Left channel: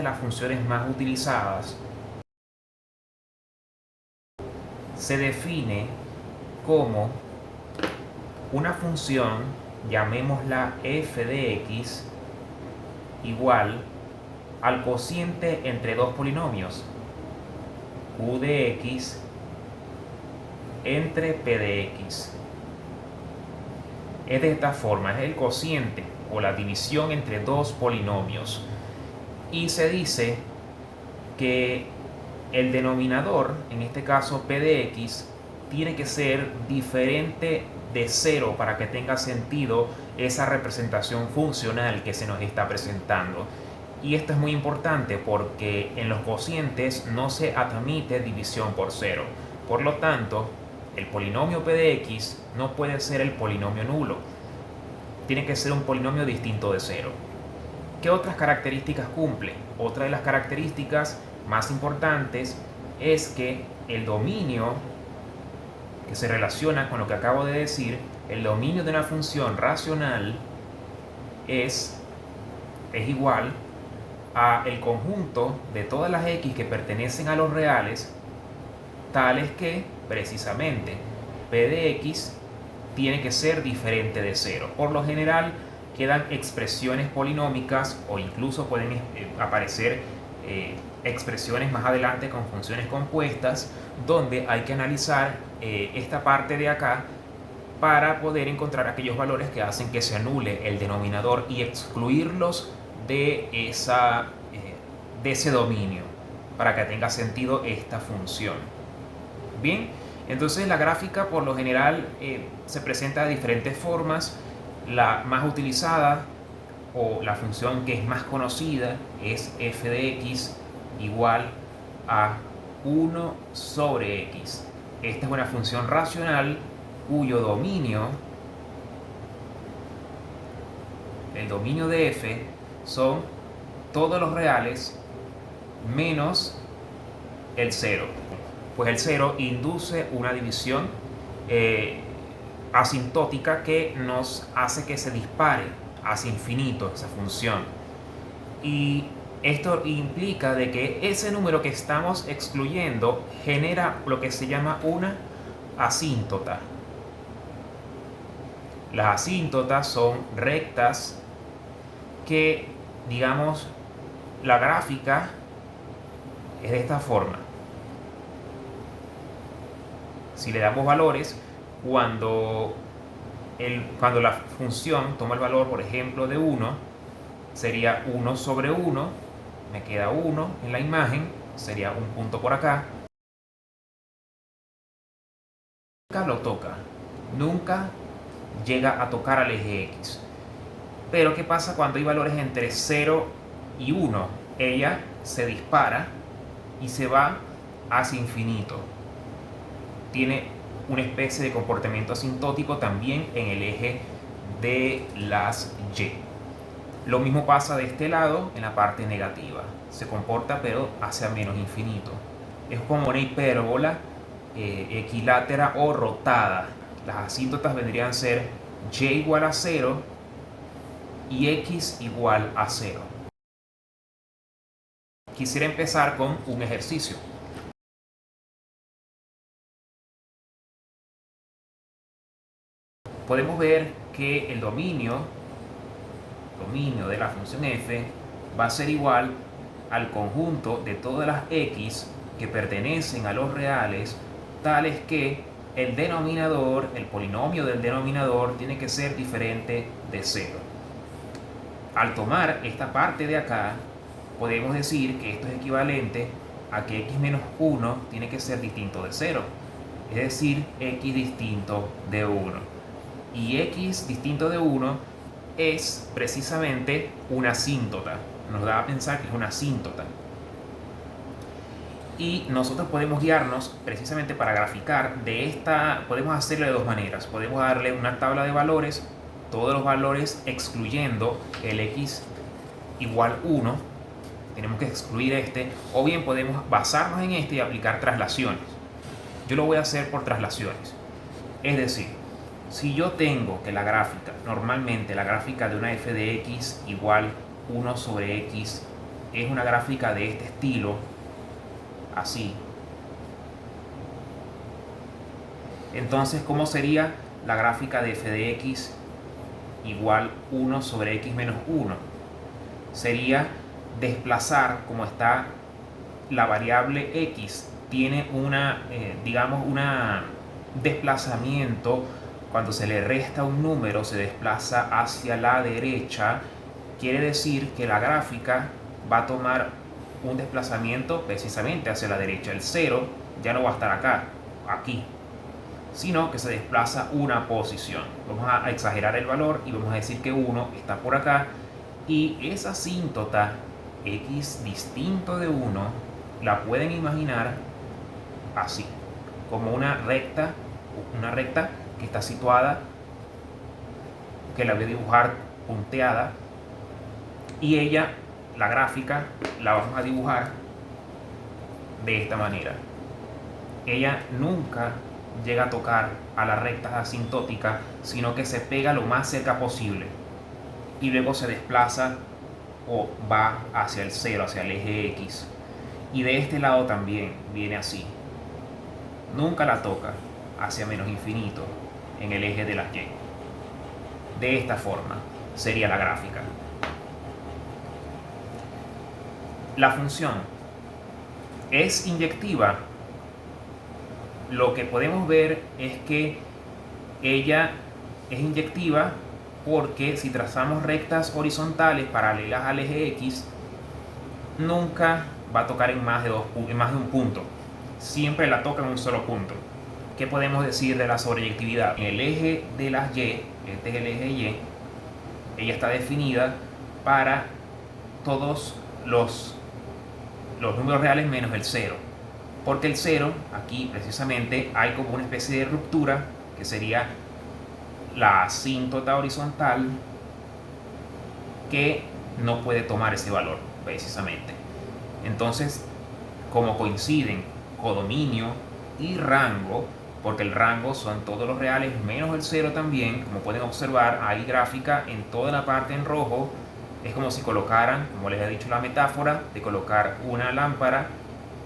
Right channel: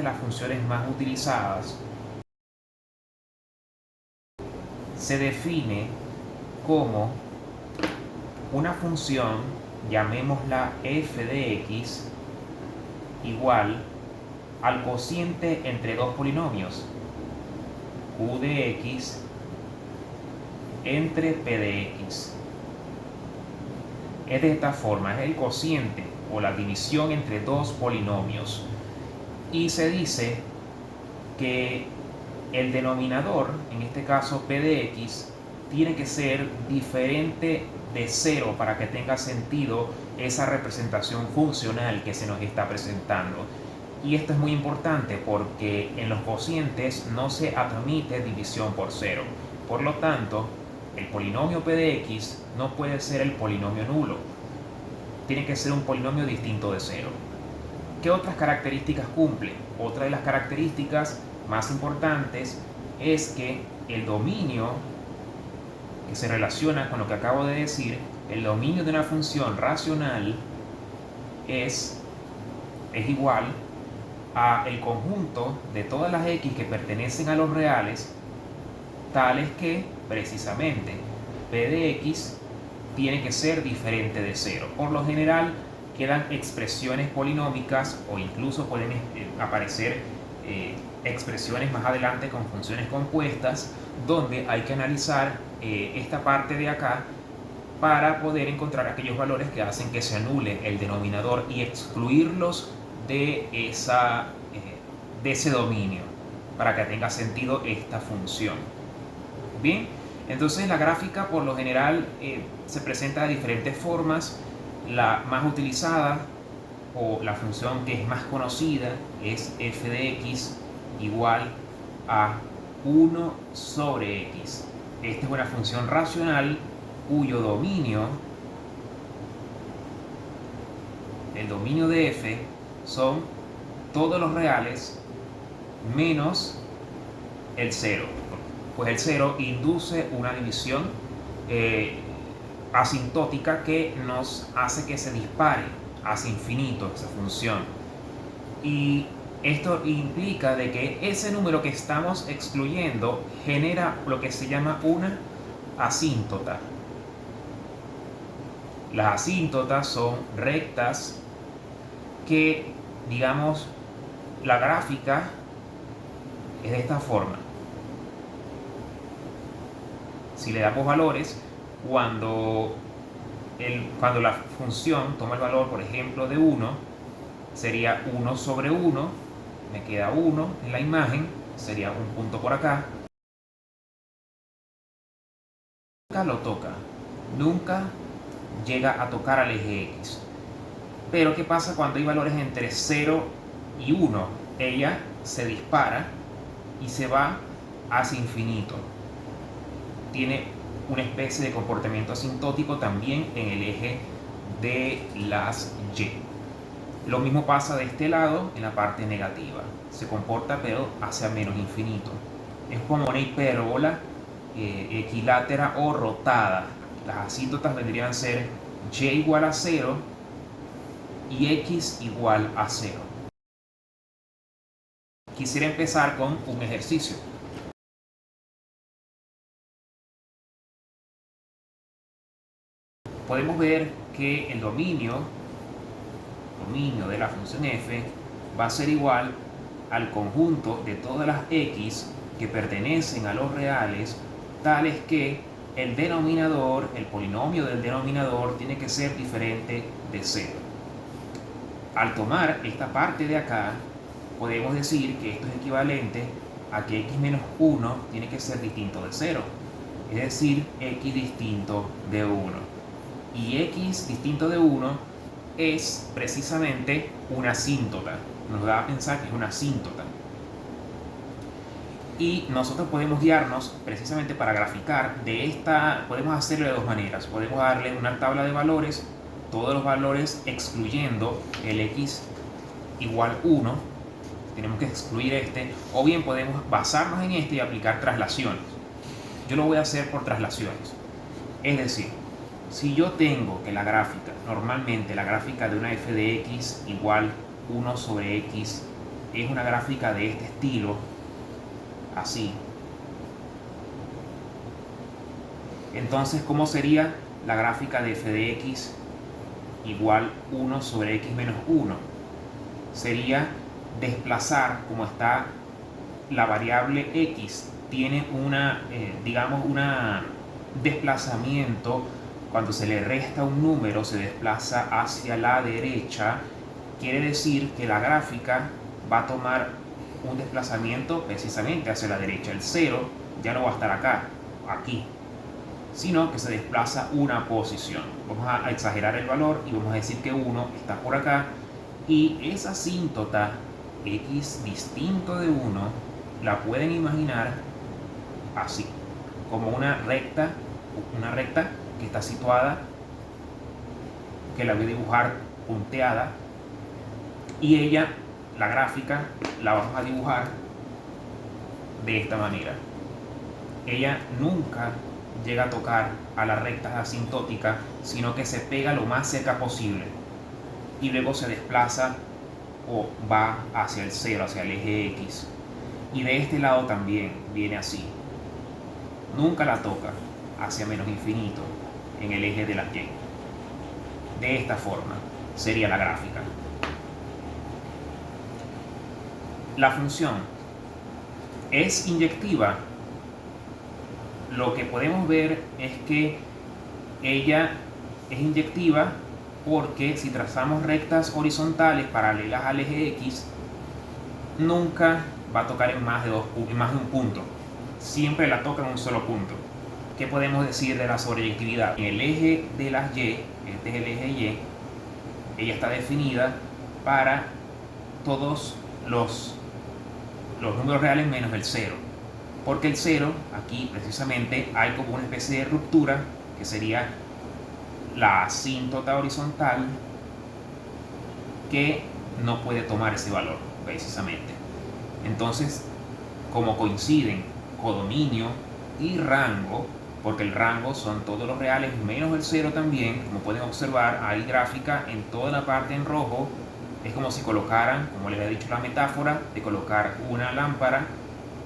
de las funciones más utilizadas se define como una función, llamémosla f de x, igual al cociente entre dos polinomios, q de x entre p de x. Es de esta forma, es el cociente o la división entre dos polinomios. Y se dice que el denominador, en este caso p de x, tiene que ser diferente de 0 para que tenga sentido esa representación funcional que se nos está presentando. Y esto es muy importante porque en los cocientes no se admite división por 0. Por lo tanto, el polinomio p de x no puede ser el polinomio nulo. Tiene que ser un polinomio distinto de 0. ¿Qué otras características cumple? Otra de las características más importantes es que el dominio que se relaciona con lo que acabo de decir, el dominio de una función racional es igual a el conjunto de todas las x que pertenecen a los reales, tales que precisamente p de x tiene que ser diferente de 0. Por lo general quedan expresiones polinómicas o incluso pueden aparecer expresiones más adelante con funciones compuestas, donde hay que analizar esta parte de acá para poder encontrar aquellos valores que hacen que se anule el denominador y excluirlos de ese dominio para que tenga sentido esta función. Bien, entonces la gráfica por lo general se presenta de diferentes formas. La más utilizada o la función que es más conocida es f de x igual a 1 sobre x. Esta es una función racional cuyo dominio, el dominio de f, son todos los reales menos el 0. Pues el 0 induce una división asintótica que nos hace que se dispare hacia infinito esa función. Y esto implica de que ese número que estamos excluyendo genera lo que se llama una asíntota. Las asíntotas son rectas que, digamos, la gráfica es de esta forma. Si le damos valores, cuando la función toma el valor, por ejemplo, de 1, sería 1 sobre 1, me queda 1 en la imagen, sería un punto por acá. Nunca lo toca, nunca llega a tocar al eje X. Pero ¿qué pasa cuando hay valores entre 0 y 1? Ella se dispara y se va hacia infinito. Tiene una especie de comportamiento asintótico también en el eje de las Y. Lo mismo pasa de este lado en la parte negativa. Se comporta pero hacia menos infinito. Es como una hipérbola equilátera o rotada. Las asíntotas vendrían a ser y igual a 0 y x igual a 0. Quisiera empezar con un ejercicio. Podemos ver que el dominio de la función f va a ser igual al conjunto de todas las x que pertenecen a los reales, tales que el denominador, el polinomio del denominador, tiene que ser diferente de 0. Al tomar esta parte de acá, podemos decir que esto es equivalente a que x menos 1 tiene que ser distinto de 0, es decir, x distinto de 1. Y x distinto de 1 es precisamente una asíntota. Nos da a pensar que es una asíntota. Y nosotros podemos guiarnos precisamente para graficar de esta, podemos hacerlo de dos maneras. Podemos darle una tabla de valores, todos los valores excluyendo el x igual 1. Tenemos que excluir este, o bien podemos basarnos en este y aplicar traslaciones. Yo lo voy a hacer por traslaciones. Es decir, si yo tengo que la gráfica, normalmente la gráfica de una f de x igual 1 sobre x es una gráfica de este estilo, así. Entonces, ¿cómo sería la gráfica de f de x igual 1 sobre x menos 1? Sería desplazar, como está la variable x, tiene digamos, una desplazamiento. Cuando se le resta un número, se desplaza hacia la derecha. Quiere decir que la gráfica va a tomar un desplazamiento precisamente hacia la derecha. El 0 ya no va a estar acá, aquí, sino que se desplaza una posición. Vamos a exagerar el valor y vamos a decir que 1 está por acá, y esa asíntota x distinto de 1 la pueden imaginar así, como una recta que está situada, que la voy a dibujar punteada, y ella, la gráfica, la vamos a dibujar de esta manera. Ella nunca llega a tocar a las rectas asintóticas, sino que se pega lo más cerca posible y luego se desplaza o va hacia el 0, hacia el eje X. Y de este lado también viene así. Nunca la toca hacia menos infinito en el eje de la Y. De esta forma sería la gráfica. La función es inyectiva. Lo que podemos ver es que ella es inyectiva porque si trazamos rectas horizontales paralelas al eje X, nunca va a tocar en más de un punto. Siempre la toca en un solo punto. ¿Qué podemos decir de la sobreyectividad? En el eje de las Y, este es el eje Y, ella está definida para todos los números reales menos el 0. Porque el 0, aquí precisamente, hay como una especie de ruptura, que sería la asíntota horizontal, que no puede tomar ese valor, precisamente. Entonces, como coinciden codominio y rango, porque el rango son todos los reales menos el 0 también, como pueden observar, hay gráfica en toda la parte en rojo. Es como si colocaran, como les he dicho la metáfora, de colocar una lámpara,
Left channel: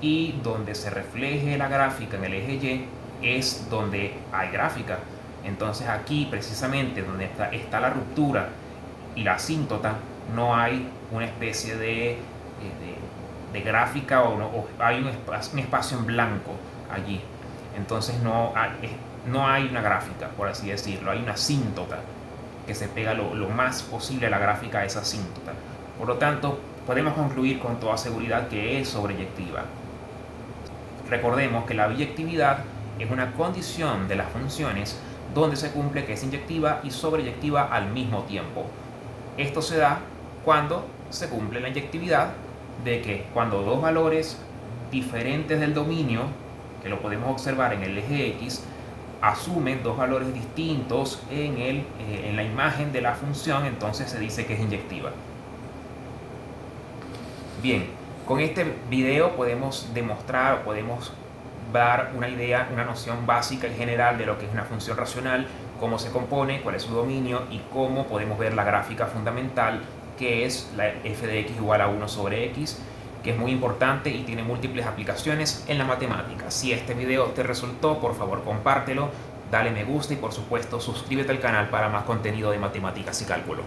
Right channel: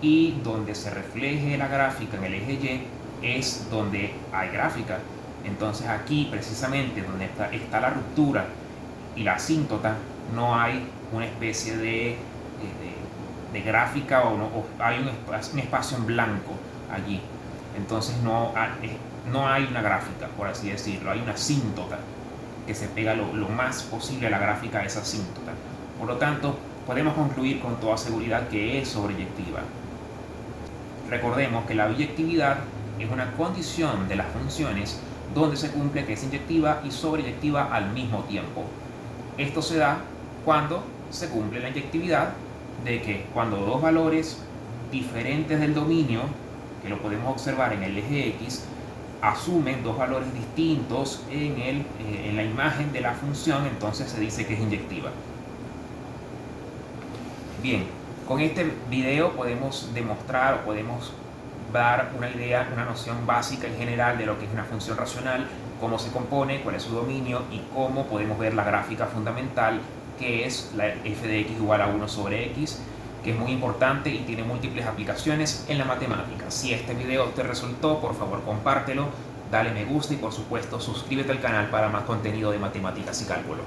y donde se refleje la gráfica en el eje Y es donde hay gráfica. Entonces aquí precisamente donde está la ruptura y la asíntota, no hay una especie de gráfica, o hay un espacio en blanco allí. Entonces no hay una gráfica, por así decirlo, hay una asíntota que se pega lo más posible a la gráfica de esa asíntota. Por lo tanto, podemos concluir con toda seguridad que es sobreyectiva. Recordemos que la biyectividad es una condición de las funciones donde se cumple que es inyectiva y sobreyectiva al mismo tiempo. Esto se da cuando se cumple la inyectividad de que cuando dos valores diferentes del dominio, que lo podemos observar en el eje X, asumen dos valores distintos en la imagen de la función, entonces se dice que es inyectiva. Bien, con este video podemos demostrar, o podemos dar una idea, una noción básica en general de lo que es una función racional, cómo se compone, cuál es su dominio y cómo podemos ver la gráfica fundamental, que es la f de x igual a 1 sobre x, que es muy importante y tiene múltiples aplicaciones en la matemática. Si este video te resultó, por favor compártelo, dale me gusta y por supuesto suscríbete al canal para más contenido de matemáticas y cálculo.